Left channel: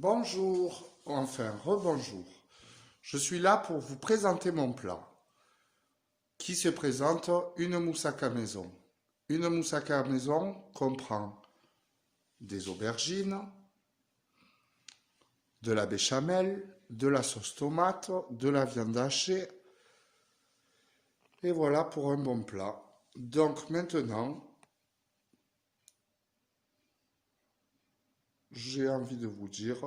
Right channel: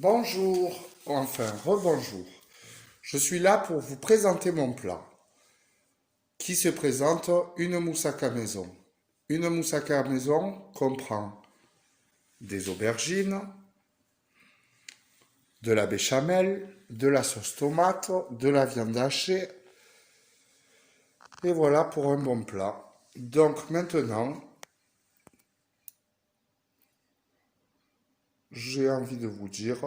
Bonjour, enfin rebonjour. Je suis là pour vous présenter mon plat qui se présente une moussaka maison. Une moussaka maison comprend des aubergines, de la béchamel, de la sauce tomate, de la viande hachée et voilà pour un bon plat. Donc maintenant, j'ai envie de vous dire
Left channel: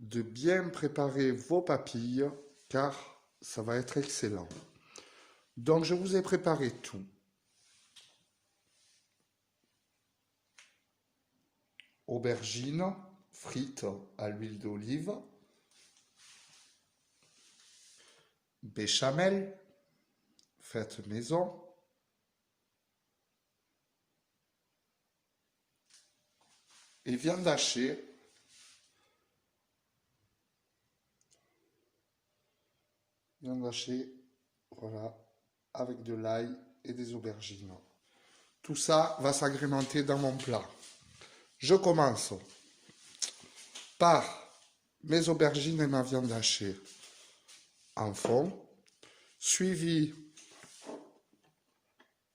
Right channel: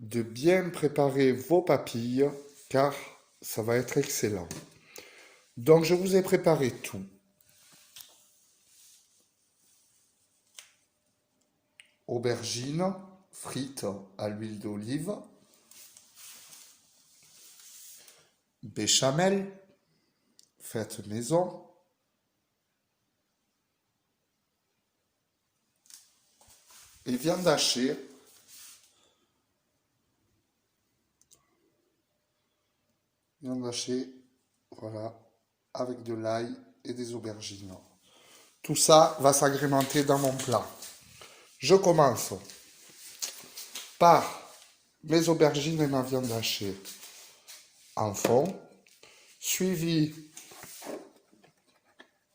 de bien préparer vos papilles car ça va être excellent. Donc je vous ai préparé tout. Aubergines frites à l'huile d'olive, béchamel faite maison, et viande hachée. Viande hachée, voilà, avec de l'ail et des aubergines. Tout ça va s'agrémenter dans mon plat. Je commence par mes aubergines et ma viande hachée en fond, suivi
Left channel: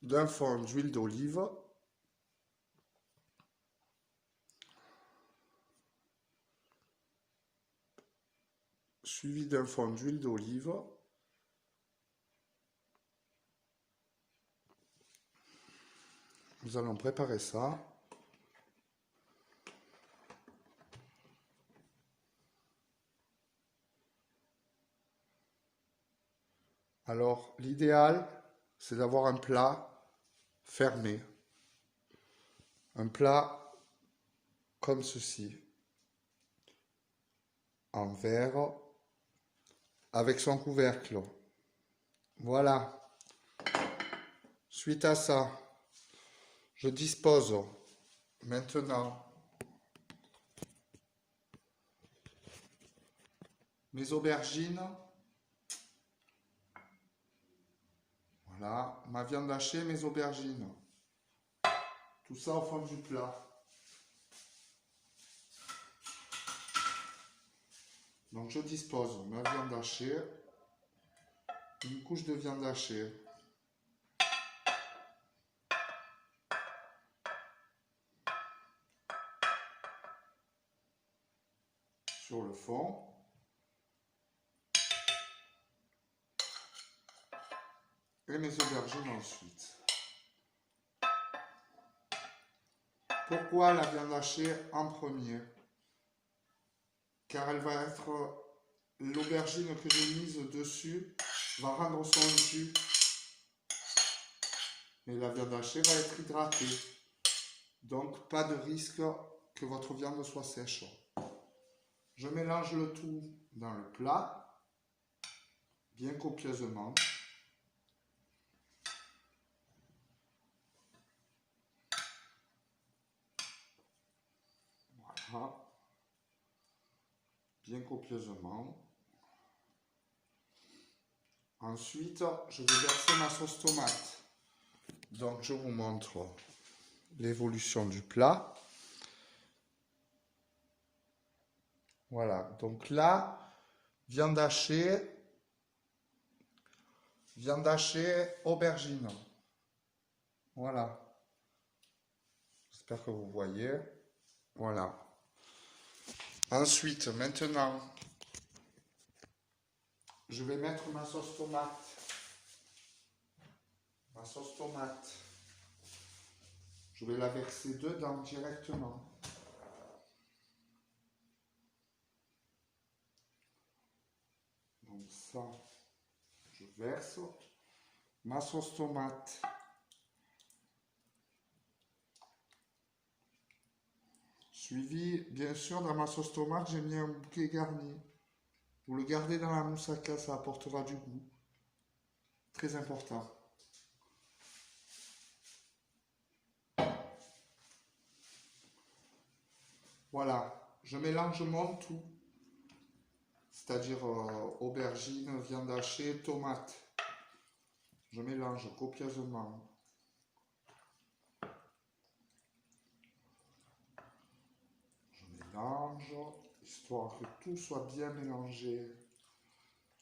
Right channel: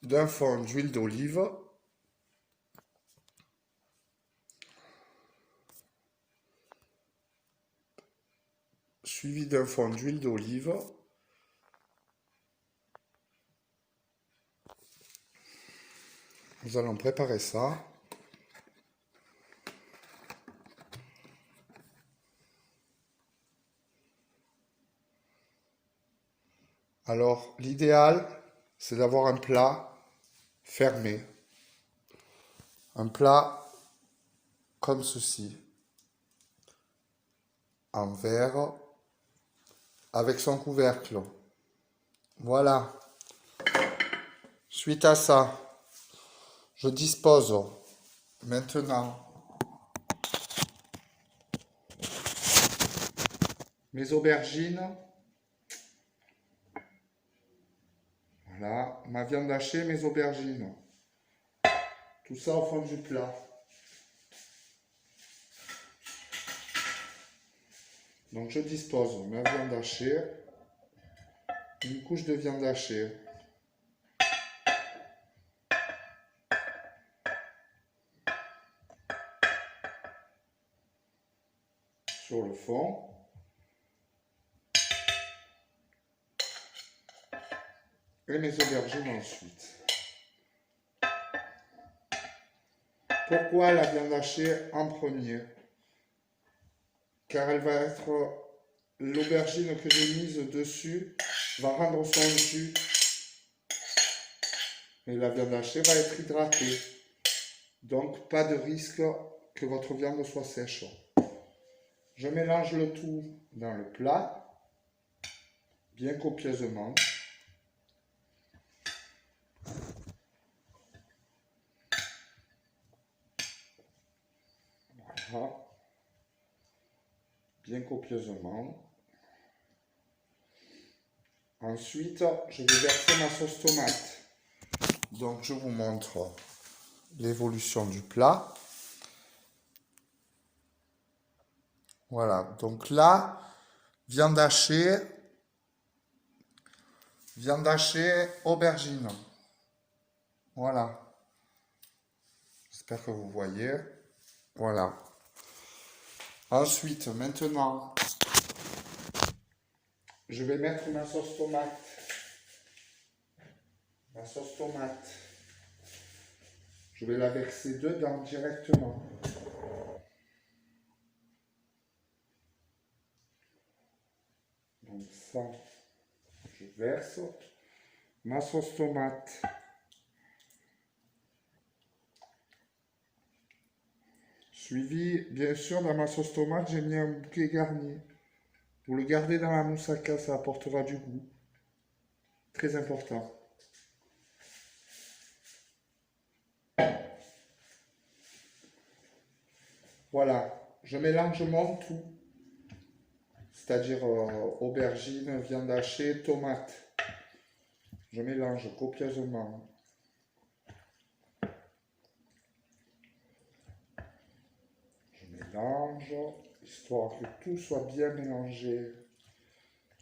d'un fond d'huile d'olive, Nous allons préparer ça. Alors, l'idéal, c'est d'avoir un plat fermé. Un plat comme ceci, en verre, avec son couvercle. Voilà. Suite à ça, je dispose maintenant mes aubergines. Voilà, ma viande hachée, mes aubergines. Tout ça au fond du plat. Donc je dispose ma viande hachée, une couche de viande hachée, sur le fond. Et mes aubergines ensuite. Pourquoi la viande hachée en premier? Car elle va être, l'aubergine que j'ai mise dessus va rendre son jus. Et la viande hachée va être hydratée. Donc pas de risque que votre viande soit sèche. Je mélange le tout dans le plat, bien copieusement. Voilà. Bien copieusement. Ensuite, je vais verser ma sauce tomate. Donc, je vous montre l'évolution du plat. Voilà. Donc là, viande hachée, aubergine. Voilà. J'espère que vous voyez. Voilà. Ensuite, maintenant, je vais mettre ma sauce tomate. Je vais la verser dedans directement. Donc ça, je verse ma sauce tomate. Suivi, bien sûr, dans ma sauce tomate, j'ai mis un bouquet garni. Vous le gardez dans la moussaka, ça apportera du goût. Très important. Voilà, je mélange mon tout. C'est-à-dire aubergine, viande hachée, tomate. Je mélange copieusement. Je mélange, histoire que tout soit bien mélangé,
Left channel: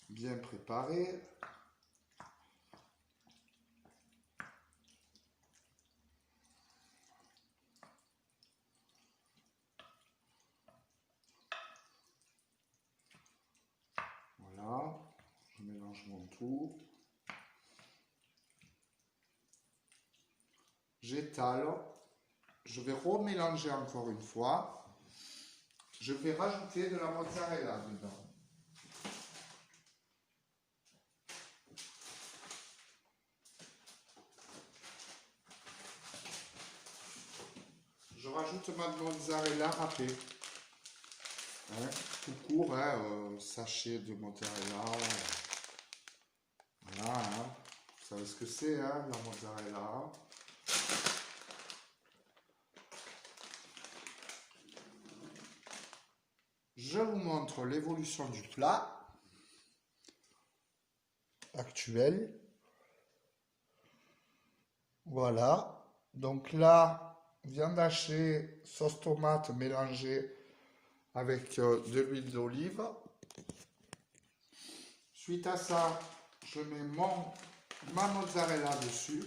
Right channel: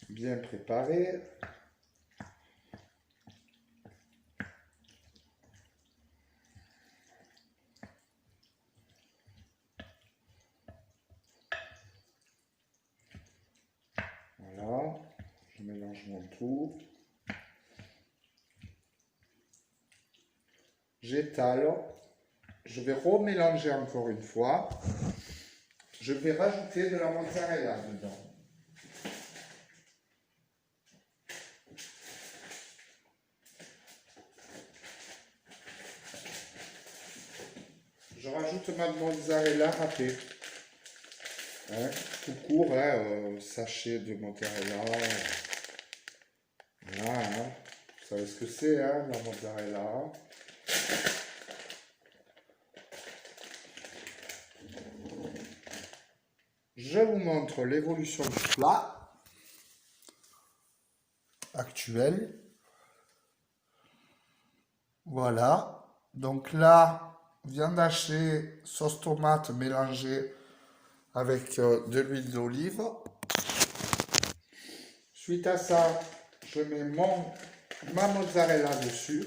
bien préparé. Voilà, je mélange mon tout. J'étale. Je vais remélanger encore une fois. Je vais rajouter de la mozzarella dedans. Je rajoute ma mozzarella râpée. Hein, tout court, hein, sachet de mozzarella. Voilà, hein. Vous savez ce que c'est, hein, la mozzarella. Je vous montre l'évolution du plat actuel. Voilà. Donc là, viande hachée, sauce tomate mélangée avec de l'huile d'olive. Suite à ça, je mets ma mozzarella dessus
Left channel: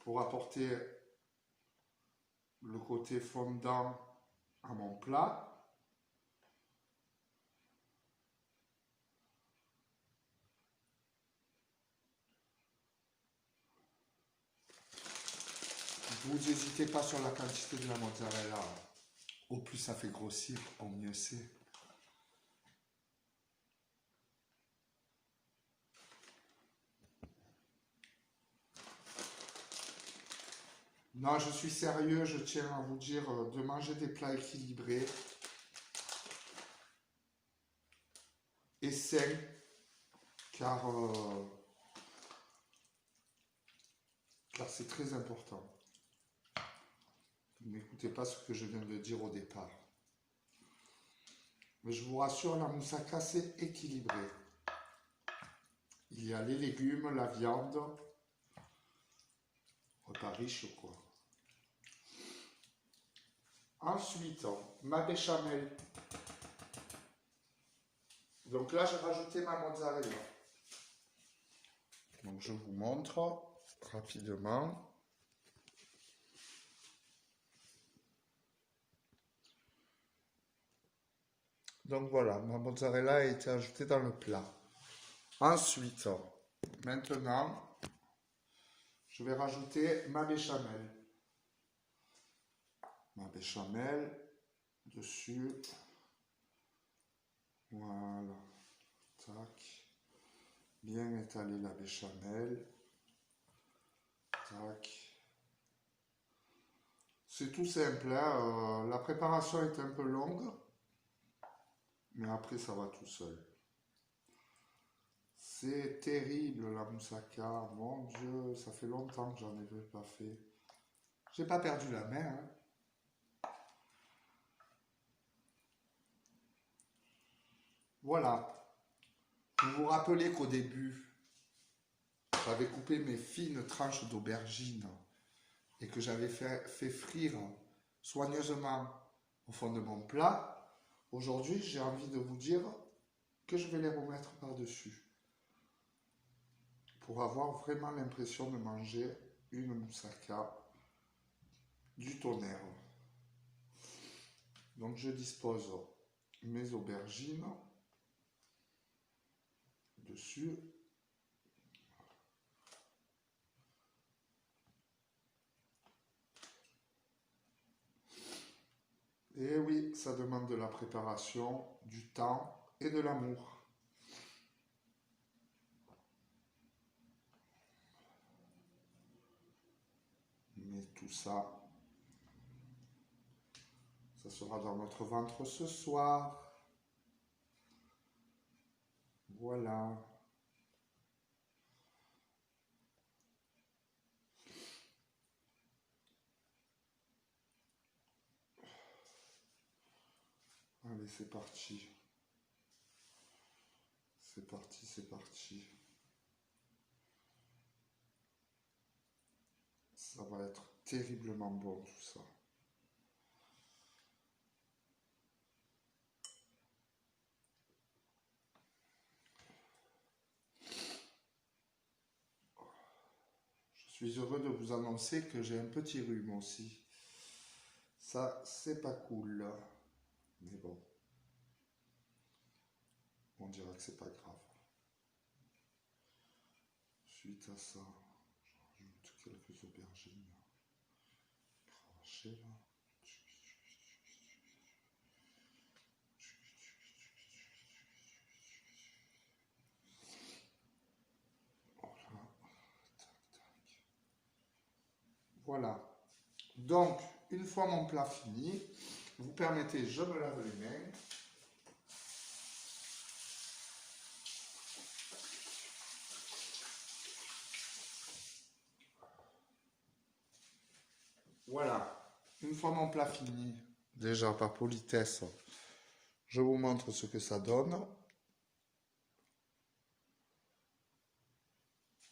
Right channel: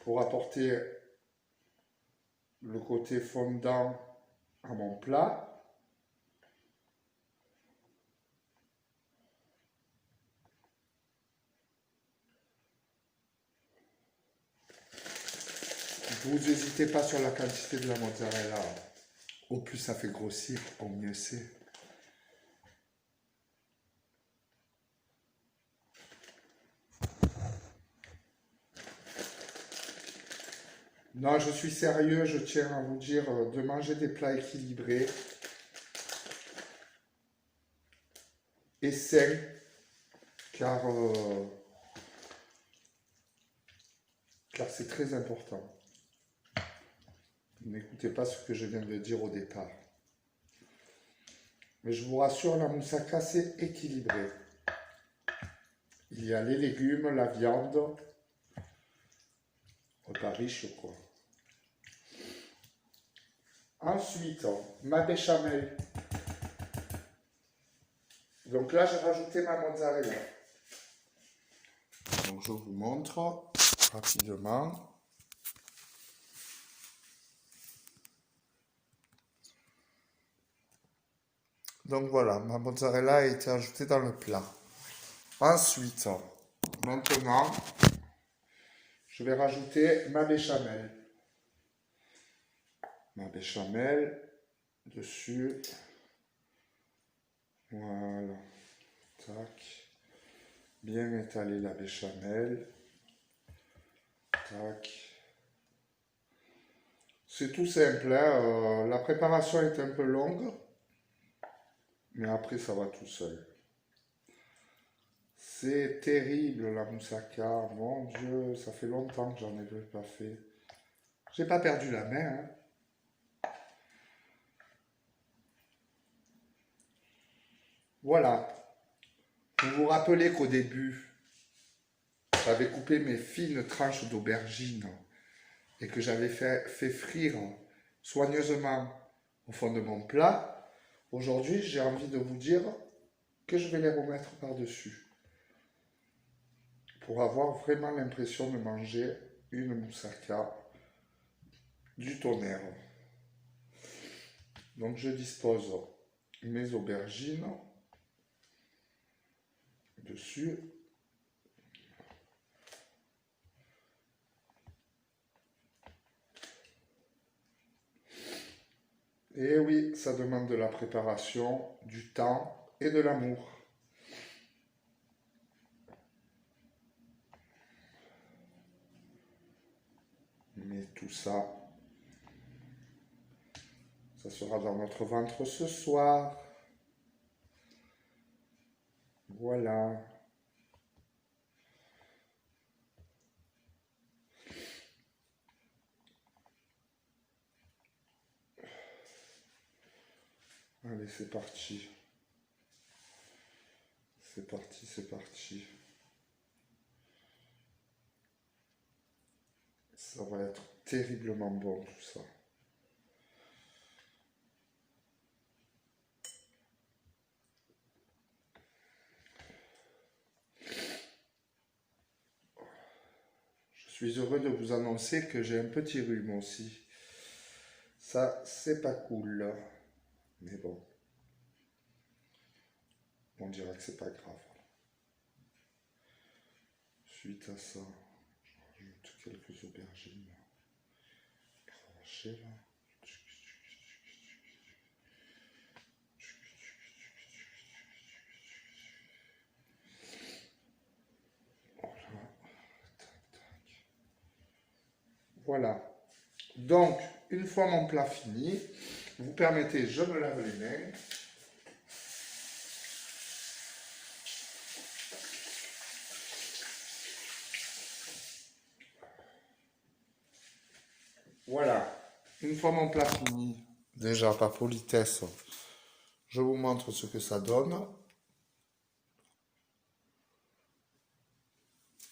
pour apporter le côté fondant à mon plat. Vous n'hésitez pas sur la quantité de la mozzarella. Au plus ça fait grossir, au mieux c'est. Non, je suis sérieux, je tiens à vous dire de manger des plats équilibrés et sains, car c'est très important. N'écoutez pas ce que je viens de dire au départ. Mais je vous rassure, la moussaka, c'est équilibré. Il y a les légumes, la viande, repas riche quoi. Ensuite, ma béchamel. Donc là, j'ai rajouté ma mozzarella. Donc je vous montre rapidement. Donc voilà, ma mozzarella a été ajoutée dans le plat. Ensuite, maintenant, je vais rajouter ma béchamel. Ma béchamel dessus. Voilà. Tac. Bien étaler la béchamel. Tac. C'est tout simple, hein. La préparation est un peu longue, mais après ça va tout seul. C'est terrible la moussaka, mon Dieu, ça fait longtemps que j'en ai pas fait. J'ai pas perdu la main, hein. Voilà. Vous vous rappelez qu'au début, j'avais coupé mes fines tranches d'aubergine et que j'avais fait frire soigneusement au fond de mon plat. Aujourd'hui, j'ai envie de vous dire que je vais les remettre par-dessus pour avoir vraiment l'impression de manger une moussaka du tonnerre. Donc je dispose mes aubergines dessus. Et oui, ça demande de la préparation, du temps et de l'amour. Mais tout ça, ça sera dans notre ventre ce soir. Voilà. Allez, c'est parti. C'est parti, c'est parti. Ça va être terriblement bon tout ça. suis heureux de vous annoncer que j'ai un petit rhume aussi. Ça, c'est pas cool. Mais bon, on dirait que c'est pas grave. Suite à ça, je rajoute quelques aubergines crachées là. Voilà. Donc, une fois mon plat fini, vous permettez, je me lave les mains. Voilà. Une fois mon plat fini, déjà par politesse, je vous montre ce que ça donne.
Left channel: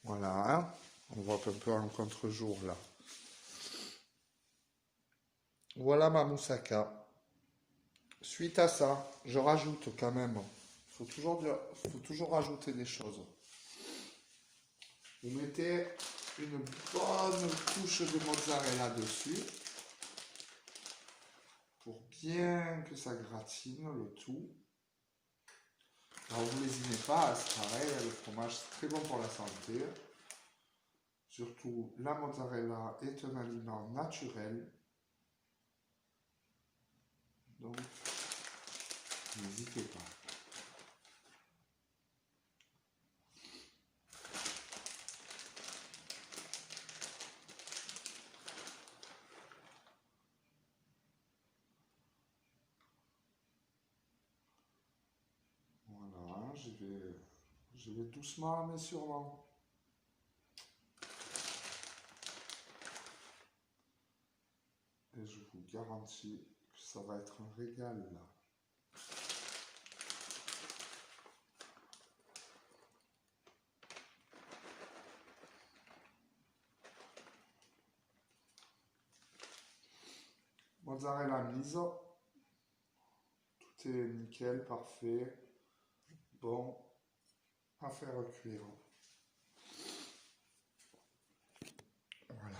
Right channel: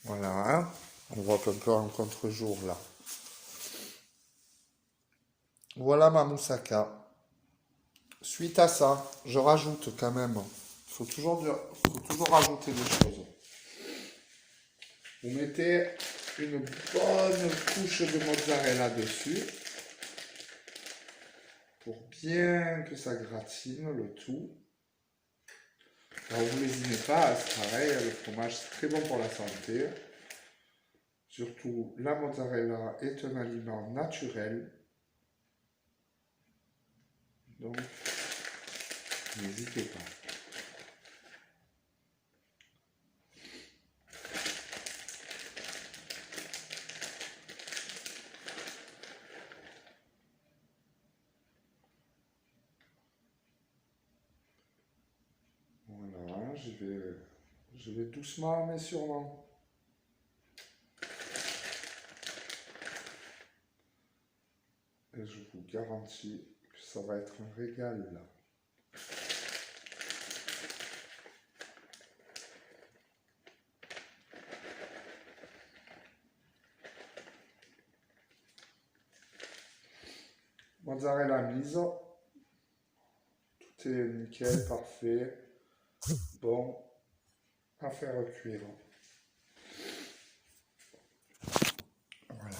Voilà. On voit un peu en contre-jour là. Voilà ma moussaka. Suite à ça, je rajoute quand même, faut toujours rajouter des choses. Vous mettez une bonne couche de mozzarella dessus pour bien que ça gratine le tout. Alors vous lésinez pas, c'est pareil, le fromage c'est très bon pour la santé. Surtout la mozzarella est un aliment naturel. Donc n'hésitez pas. Voilà, je vais doucement mais sûrement. Et je vous garantis que ça va être un régal là. Mozzarella mise. Tout est nickel, parfait. Bon, à faire cuire. Voilà.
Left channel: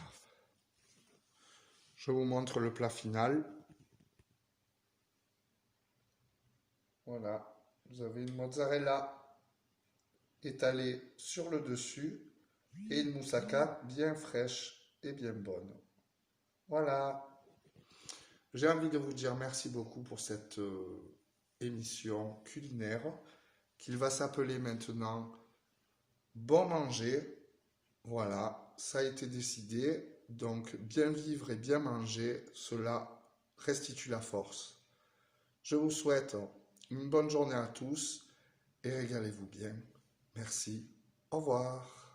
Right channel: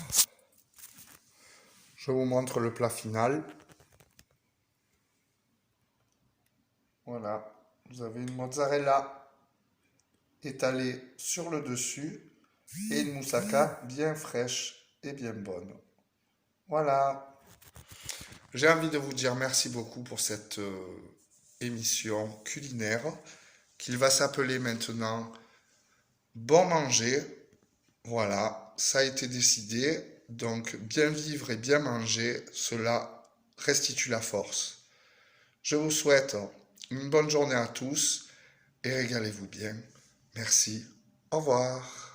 Je vous montre le plat final. Voilà. Vous avez une mozzarella étalée sur le dessus et une moussaka bien fraîche et bien bonne. Voilà. J'ai envie de vous dire merci beaucoup pour cette émission culinaire qu'il va s'appeler maintenant Bon Manger. Voilà, ça a été décidé. Donc bien vivre et bien manger, cela restitue la force. Je vous souhaite une bonne journée à tous et régalez-vous bien. Merci. Au revoir.